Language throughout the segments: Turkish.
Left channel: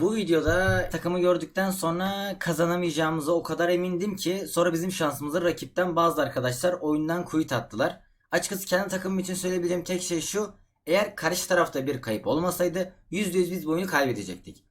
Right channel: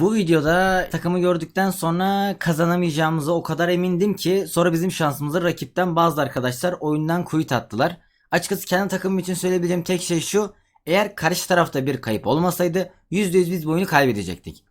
Bu videoda takımı gördükten sonra kazanamayacağımıza o kadar emindim ki sonra bizim şansımıza rakipten bazı arkadaşlar oyundan quit attılar. Açıkçası kendi takımım için söyleyebileceğim tek şey şu. Eğer karşı tarafta bir kayıp olmasaydı %100 biz bu oyunu kaybedecektik.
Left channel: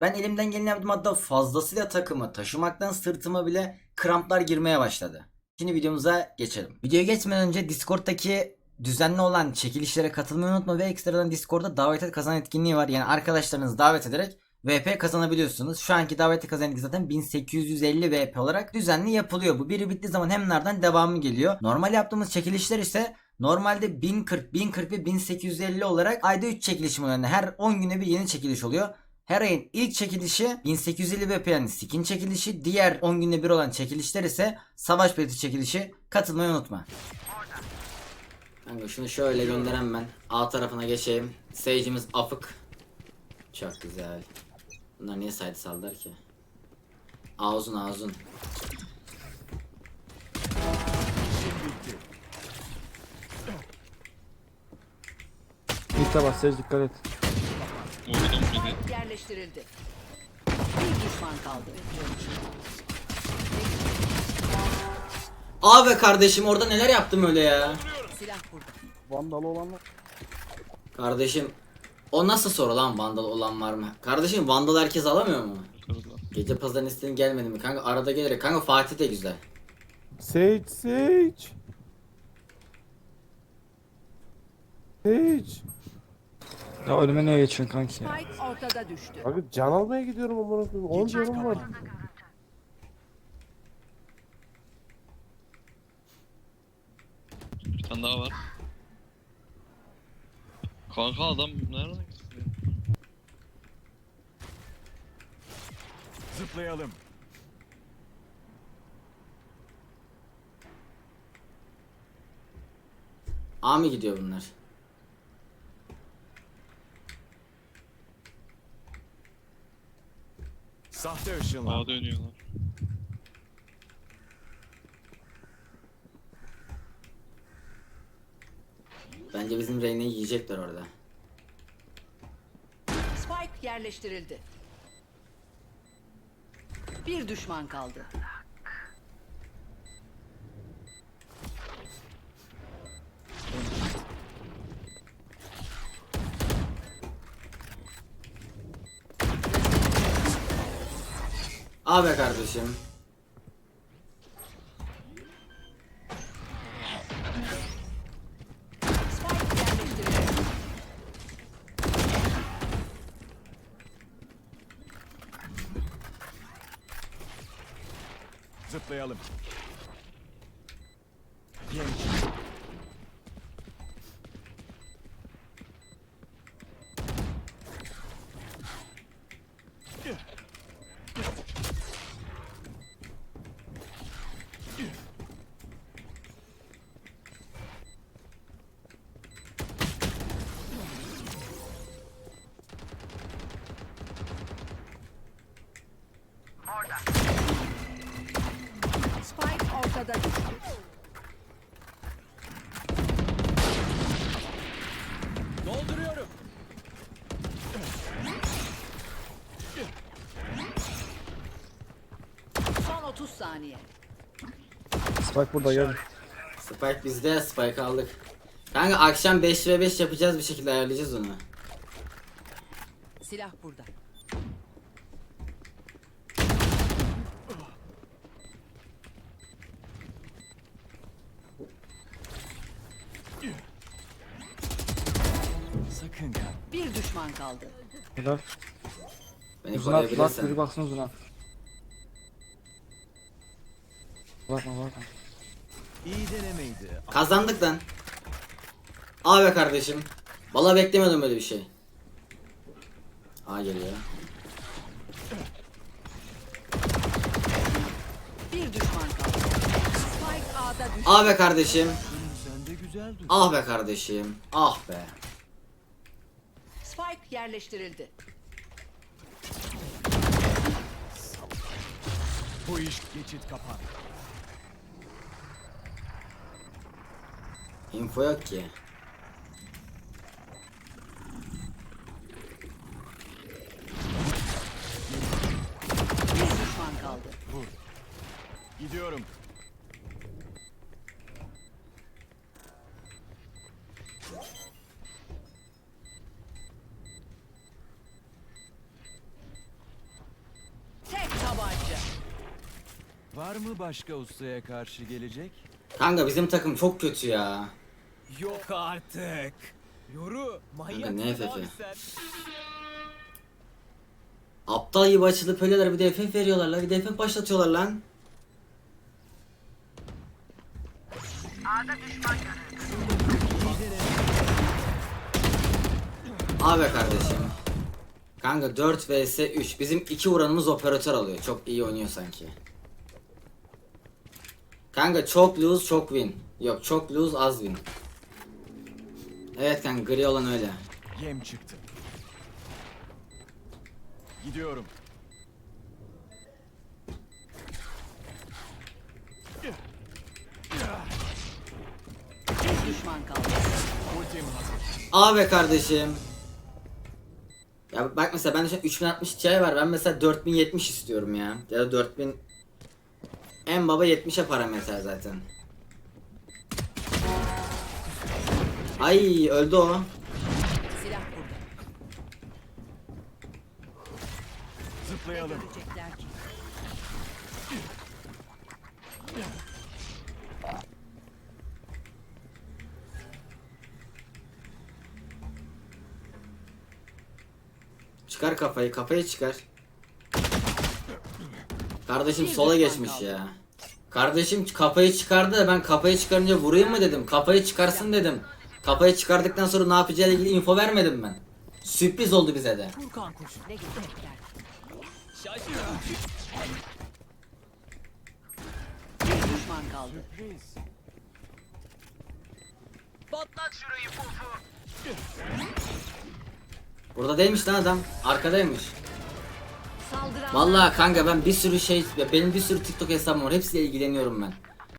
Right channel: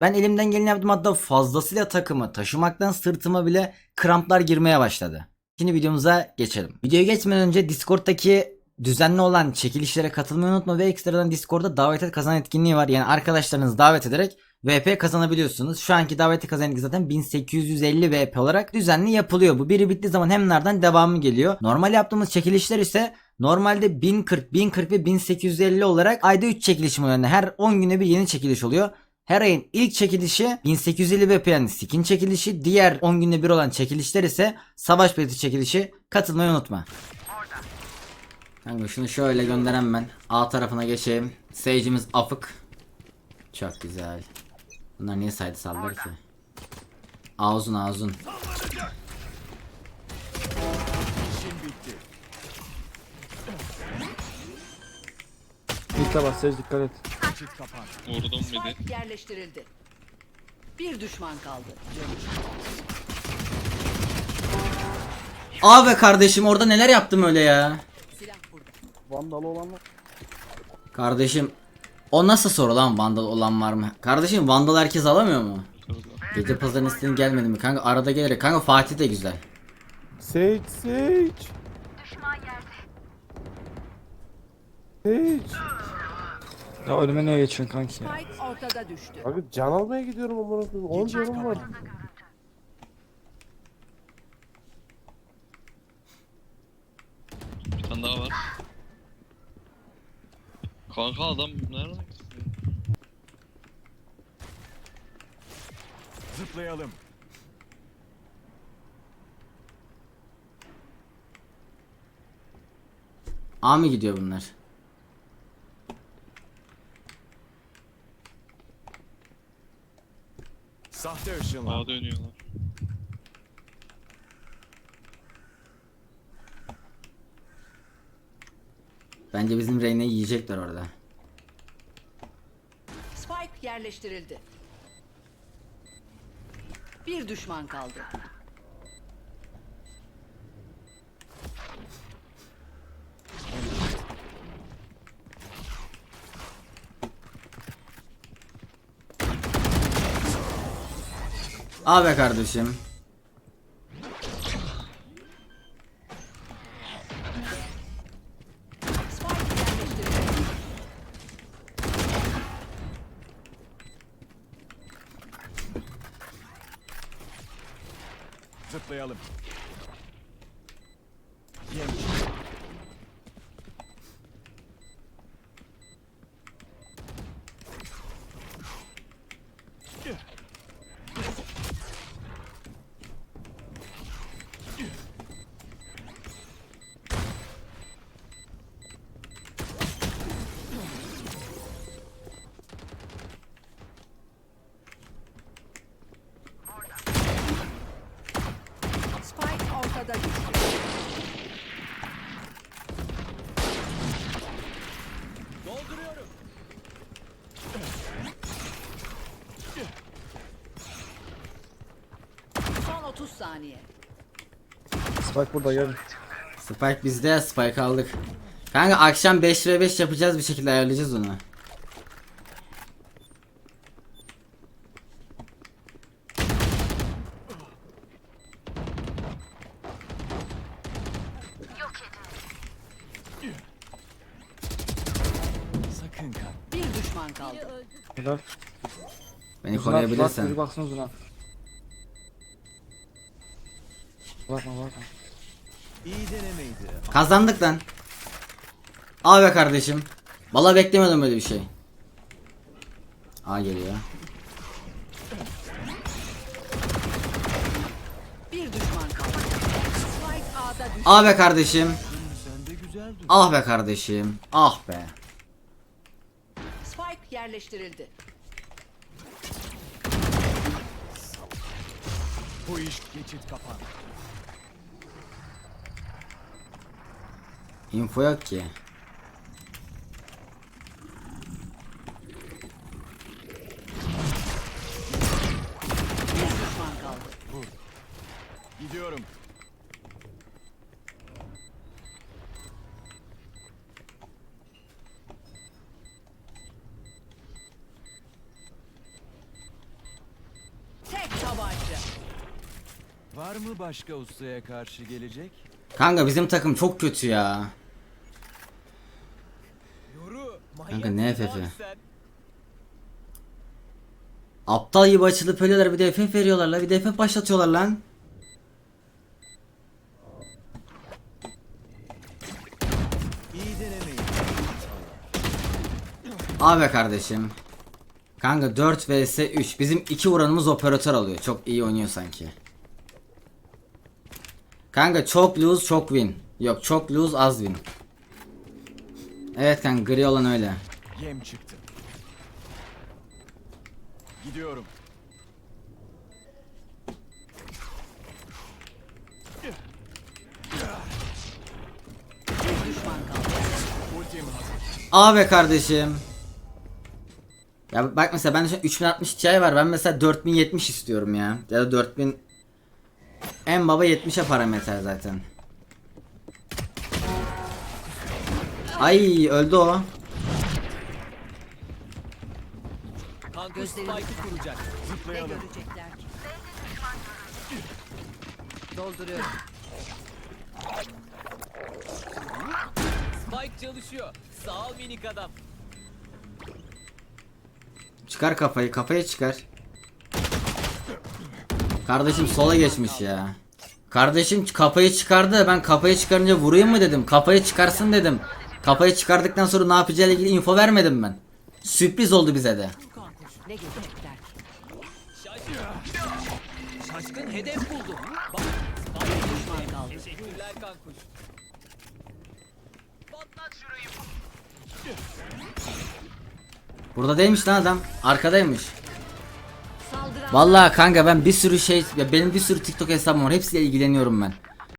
Ben elimden geleni yaptım hatta fazlasıyla takımı taşımaktan sırtıma bile kramplar girmeye başladı. Şimdi videomuza geçelim. Videoya geçmeden önce Discord'daki düzenli olan çekilişlere katılmayı unutma ve ekstradan Discord'da davet et kazan etkinliği var. Yani arkadaşlarınızı davet ederek VP kazanabiliyorsunuz. Şu anki daveti kazan etkinliği zaten 1850 VP olarak düzenli yapılıyor. Bu biri bittiği zaman hem nereden devamı geliyor. Normal yaptığımız çekilişler ise normalde 1040, 1040 ve 1850 olarak ayda 3 çekilişim oluyor. Yani her 10 güne bir yeni çekiliş oluyor. Her ayın ilk çekilişi 1850 VP yani skin çekilişi. Diğer 10 günde bir olan çekilişler ise savaş bileti çekilişi. Katılmayı unutma. Kanka şunu şöyle gönderem ben. A tarafına geçeyim. Sage'imiz afık. Çok güzel. Bunlar niye side sallıyor ki? A uzun A uzun. Mitte bas Sage dikkat et. Vurdum bir de. Spike yerleştirildi. Bir düşman kaldı. Abi kardeşim orada neler yaptım öyle ya? Silah burada. Vandalı olan var. Kardeşim o nasıl soru lan vandal olan var mı? Kardeşim vandal herkes alamıyor mu? Gece pazarın istedim gelmedi mi? Kanka arada gelir. Kanka Fatih de güzel. Sage Sage. Sage. Ya önüme niye geçiyorsun kanki ya? Spike ortada düştü. Abi can almaya gidiyorum amına koyayım. 10 canım var. Bir tane daha var. Kanka adam nereden gitti? Zıplayalım. A mı gidiyor bunlar? Sahte ışınlar. Ağa dönüyorlar. Bence bizim Reyna'yı yiyecekler orada. Spike yerleştirildi. Bir düşman kaldı. Abi kardeşim. Spike yerleştirildi. Zıplayalım. Yem. Spike ortada düştü. Dolduruyorum. Son 30 saniye. Spike burada gel. Spike bizde. Spike aldık. Kanka akşam 5 ve 5 yapacağız bir şekilde ayarlayacağız onu. Silah burada. Sakın kal. Bir düşman kaldı. Helal. Beni Uzun at bak koruyabilirsen. biri baksın uzun at. Bakma bakma. İyi denemeydi. Kazandık lan. Al be kardeşim. Valla beklemiyordum böyle bir şey. A geliyor. Bir düşman kaldı. Spike A'da düştü. Be kardeşim. Güzeldi. Ah be kardeşim. Ah be. Spike yerleştirildi. Bu iş geçit kapan. Info yok ki. Bir düşman kaldı. Gidiyorum. Tabanca. Var mı başka ustaya karşı gelecek? Kanka bizim takım çok kötü ya. Yok artık. Yoru. Kanka ne FF? Aptal gibi açılıp ölüyorlar bir de FF veriyorlar lan bir de FF başlatıyorlar lan. Abi kardeşim. Kanka 4 vs 3. Bizim 2 vuranımız operatör alıyor. Çok iyi oynuyor sanki. Kanka çok lose çok win. Yok çok lose az win. Evet kanka gri olan öyle. Yem çıktı. Gidiyorum. Bir düşman kaldı. Ultim hazır. Abi kardeşim. Ya bak mesela bende şu an 3060 Ti var. Ben mesela 4070 istiyorum ya. Ya da 4000 en baba 70'e parametre zaten. Ay öldü o. Spike çalışıyor. Sağ ol minik adam. Çıkar kafayı, kafayı çıkar. Kardeşim sola geçmiş ya. Kardeşim kafayı çıkardı ben kafayı çıkarınca vurayım mı dedim. Kafayı çıkarsın dedim. Kafayı çıkardıktan sonra ne yapacağıyla ilgili info vermedim ben. Sürpriz oldu bize de. Burada değilmiş lan adam. Arkadaymış. Vallahi kanka ben bir sürü şey benim bir sürü TikTok hesabım var. Hepsiyle ilgileniyorum ben.